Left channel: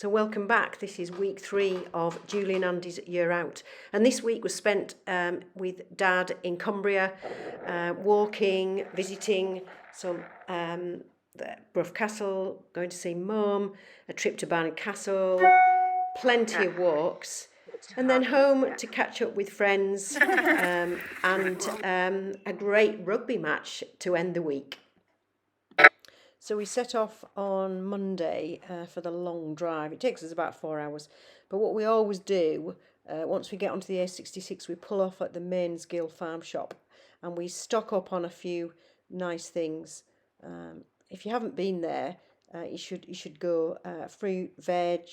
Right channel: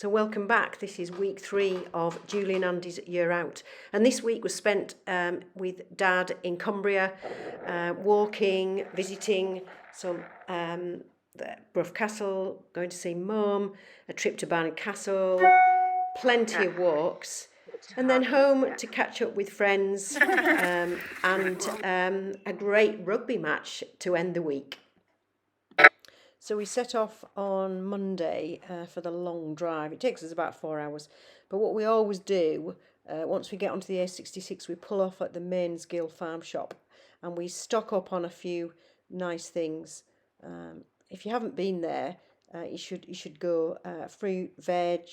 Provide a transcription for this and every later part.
So welcome back. This is week 3 of Julie and Andy's Year Out. And this week was spent with Dad in Cumbria, walking, visiting some the Brough Castle, going to see Mum, a trip to Barnard Castle, plenty of walks, and then home to catch up with friends and a great rugby match to end the week. So we set off on Monday for the long drive. It takes us about 4 hours. But what we always do, once we get onto the A66, we pull off at the Mainsgill farm shop and we stock up on a few nice things. If you haven't been there, you should go. Fruit, veg,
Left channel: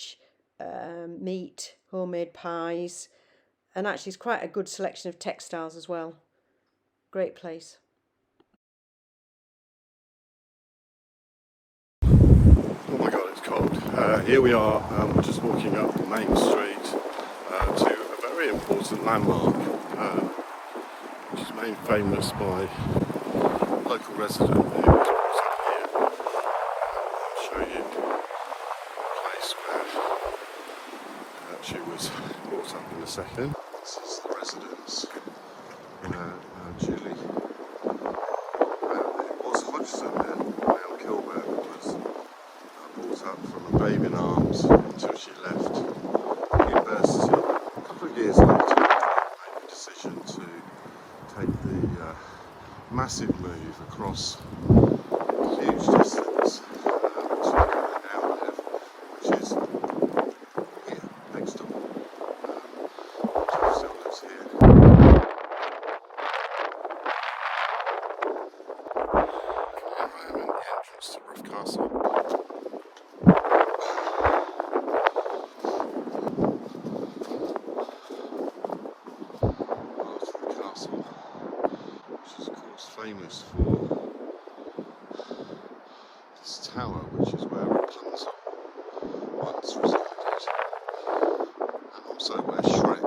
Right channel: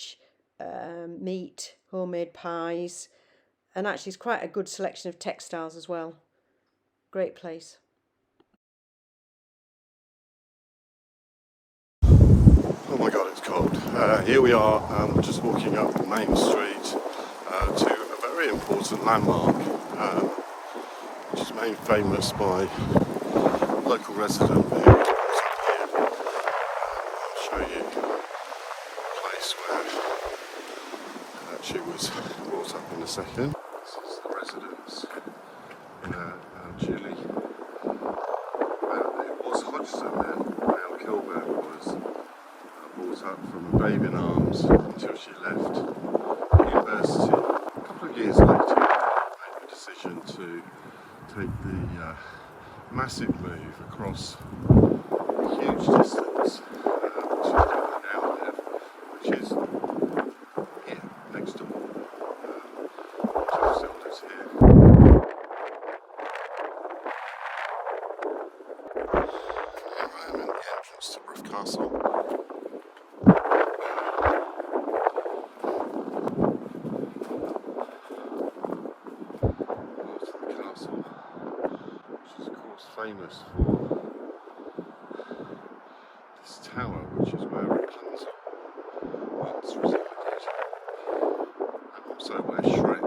meat, homemade pies. And actually it's quite a good selection of textiles as well. Great place. Oh my god, it's cold. Here we are, we're just walking up Main Street to a very important landmark, which is made famous by a local resident who lives up here. I'll show you the place where she was brought up in a second. This is the residence where Julie, it was the Hodgson then, where Cumbria was. Brought up from a babe in arms until she left university. A couple of years later, I made the decision to take the massive move across a huge distance, which is an hour, which is here, next door. She still lives here. Here I am in the entrance to Brough Castle. Famous for this tower, which is where Rapunzel once resided, and also where Shrek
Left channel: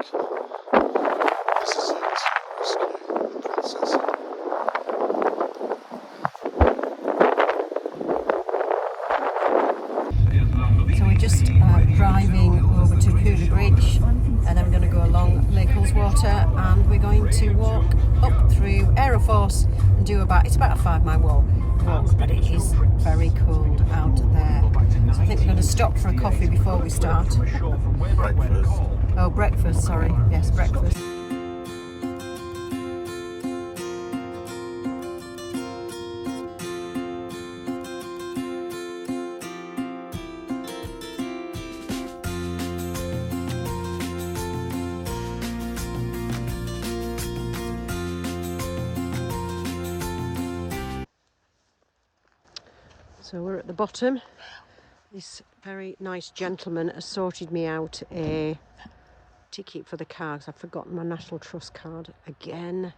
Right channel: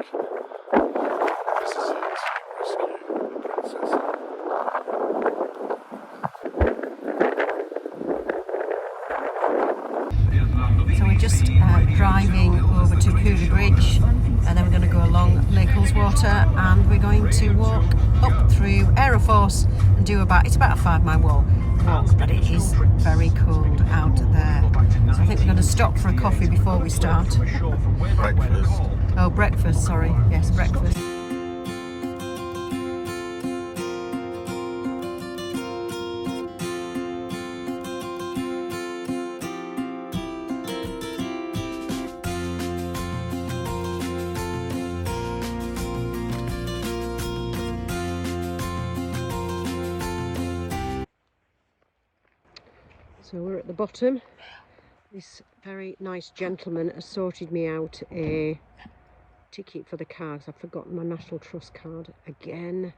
visited to rescue the princess. So we're just driving over to Cumbria Bridge, and then we're going to go along Lake Ullswater, and we're going to walk up through Aira and do it's about a 5 mile walk, but it is very cold out there. So I think we're going to stop for a coffee before we start. Breakfast. Oh, breakfast, sorry. Yes, breakfast. So we're at the bottom. This very nice gentleman has sorted me out a ticket for the car because I've forgotten my National Trust card again.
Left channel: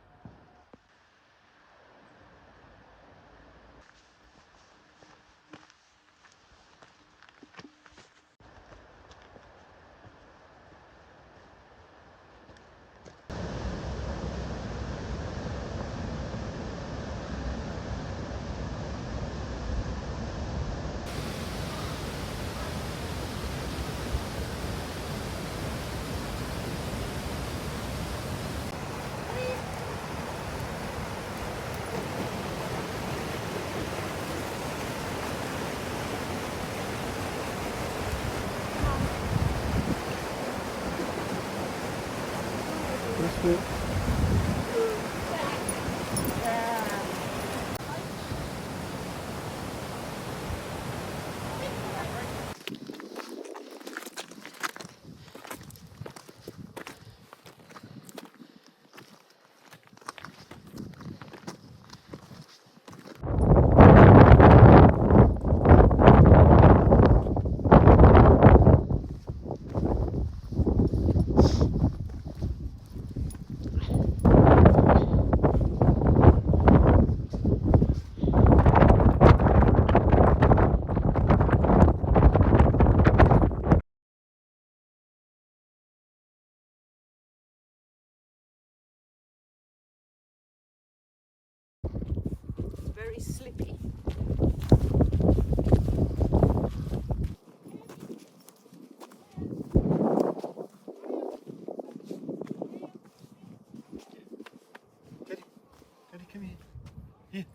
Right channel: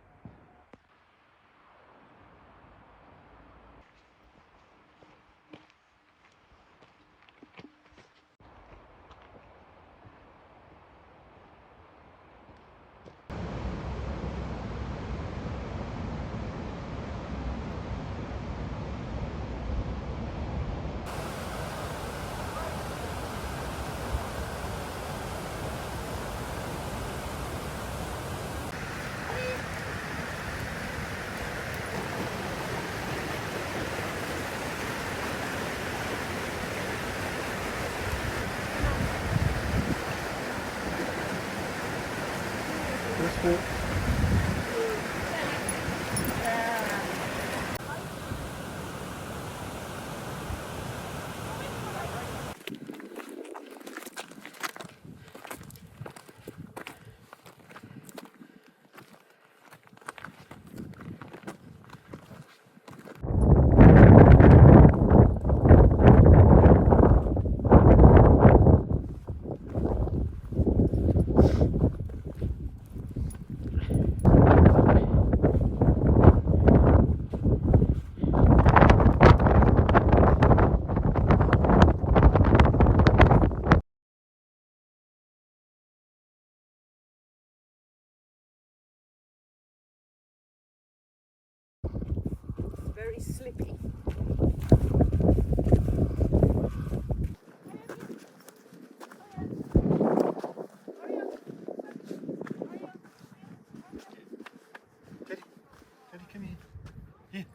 That's good.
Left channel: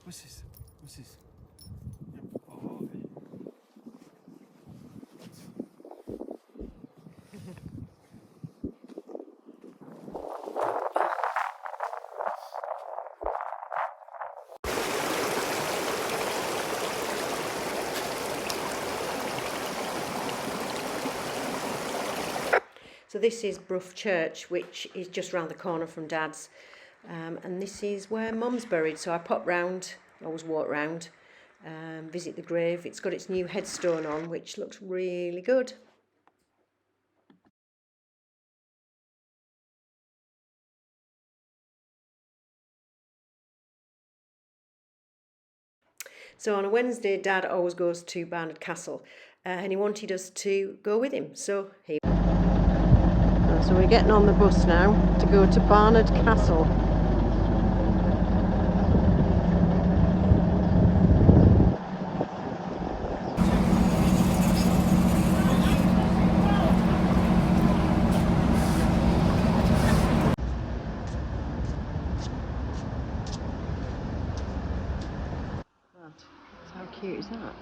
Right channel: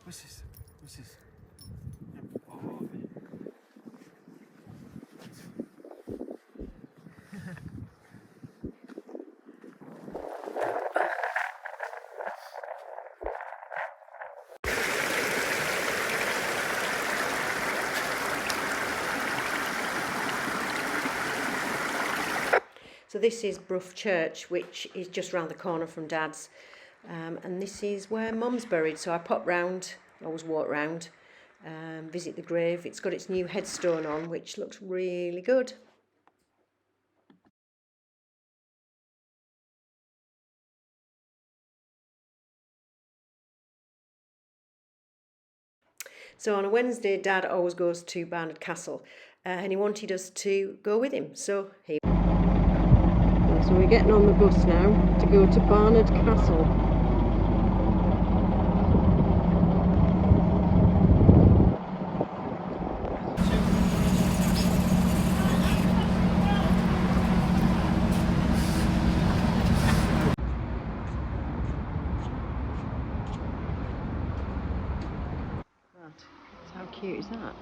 What's this? What's this? So this is Brough Church, which is just round the corner from Dad's, and this is where Mum's buried. So I pop round, always walk round, visit the grave. It's got its new headstone on, which looks really good. So on a Wednesday, Dad always goes to Barnard Castle, and he wanted us to go with him. So here. So we're getting on the bus now to go to Barnard Castle. How cute is that?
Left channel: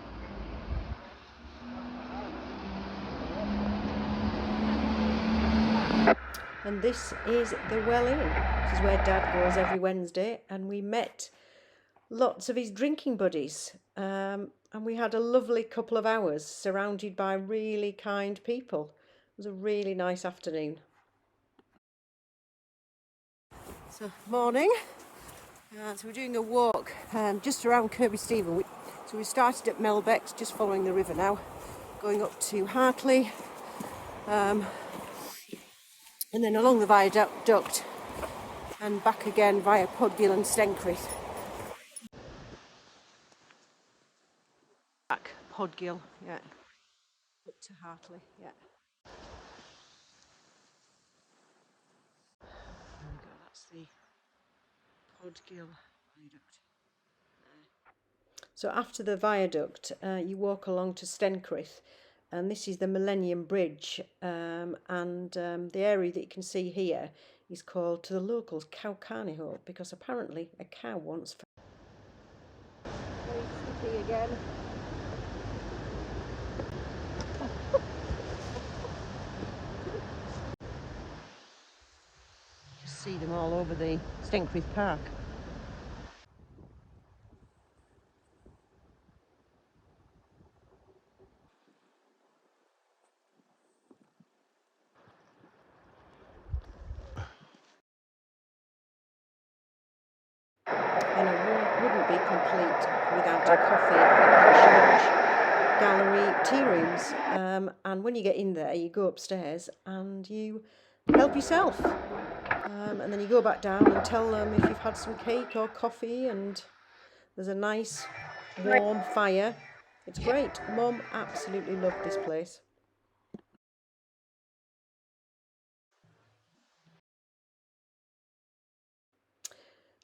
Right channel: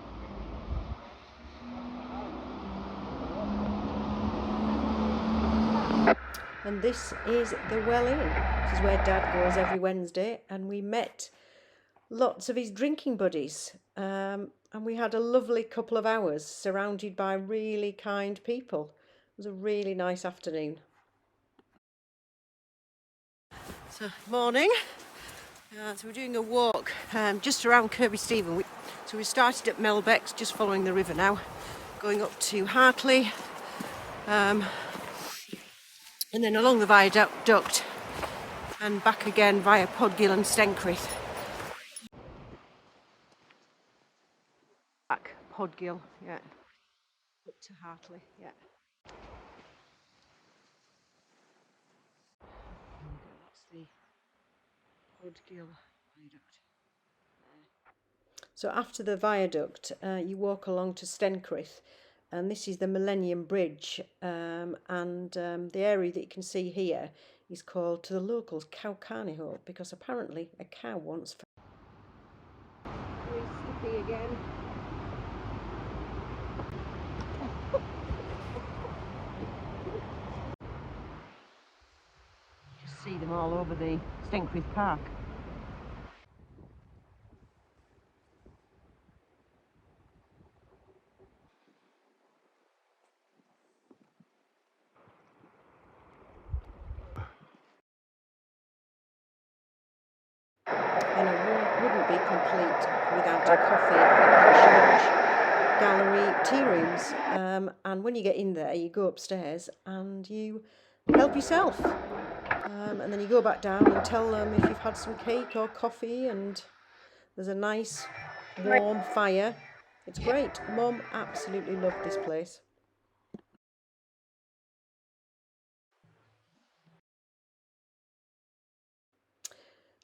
And this is the Well Inn. This is where Dad goes every Wednesday, and we met lots of his drinking buddies, and we had a lovely couple of hours surrounded by really kind people. It was a really nice afternoon. So morning. So we're doing a walk just around Kirby Stephen. So we started at Melbeck's, just following the river now, going up to Hartley, and then along the viaduct and back again via Podgill and Stencrith. Back Podgill, yeah, up to Hartley, yeah. There we go, that's the Podgill viaduct. So after the viaduct, you walk along to Stencrith, and this is the Millennium Bridge, and the area that you can see here is called to the locals Cow Carnival, because apparently a cow once fell. Very slippy again. Just see them all over the Stencrith Park. And a walk wouldn't be complete without a coffee at the church gallery tea rooms. And when you get in there, you go upstairs and you help yourself. And then you go back down and tell them if you've had some cake or coffee, and there's a nice warm fire. It's great. Mum absolutely loved this place.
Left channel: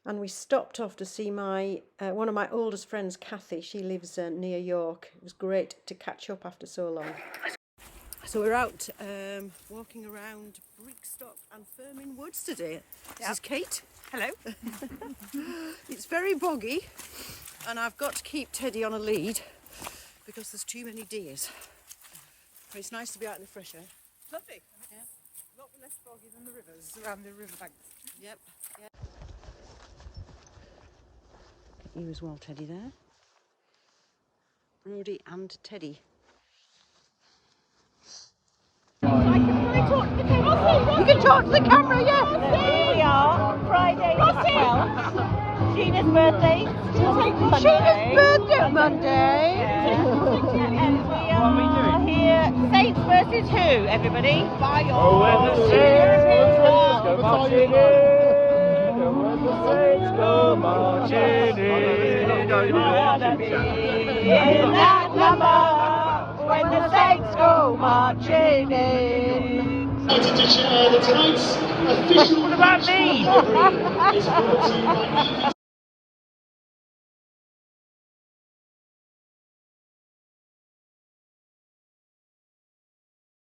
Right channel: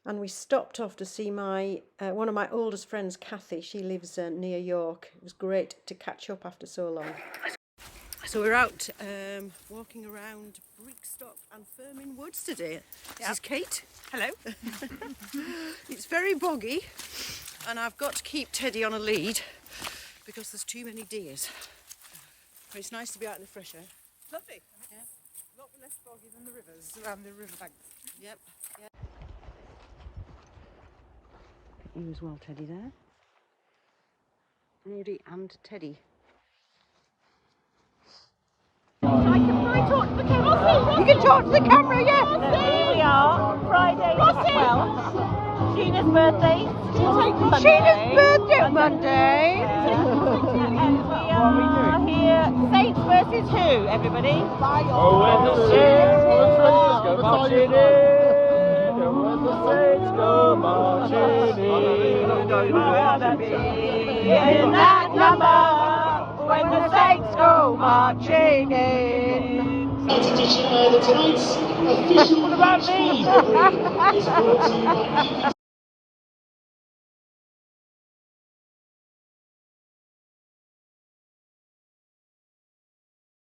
And we stopped off to see my one of my oldest friends, Kathy. She lives near York. It was great to catch up after so long. So we're out walking around Brickstock and Firmin Woods today. This is Kate. Hello. It's very boggy, and I've got to keep Teddy on a lead because there's too many deers. But it's nice to be out in the fresh air. Lovely. Yeah. A lot less boggy than the rivers around the riverbanks. Yep. You as well, Teddy, there. Brody and Teddy. You can talk to the camera, yeah. So here we are, Friday the 12th, Gina's birthday. Sheena's birthday Monday. And we are here, Saints versus who, everybody? In that number, when the Saints go marching in. Edition tonight, official. What about me?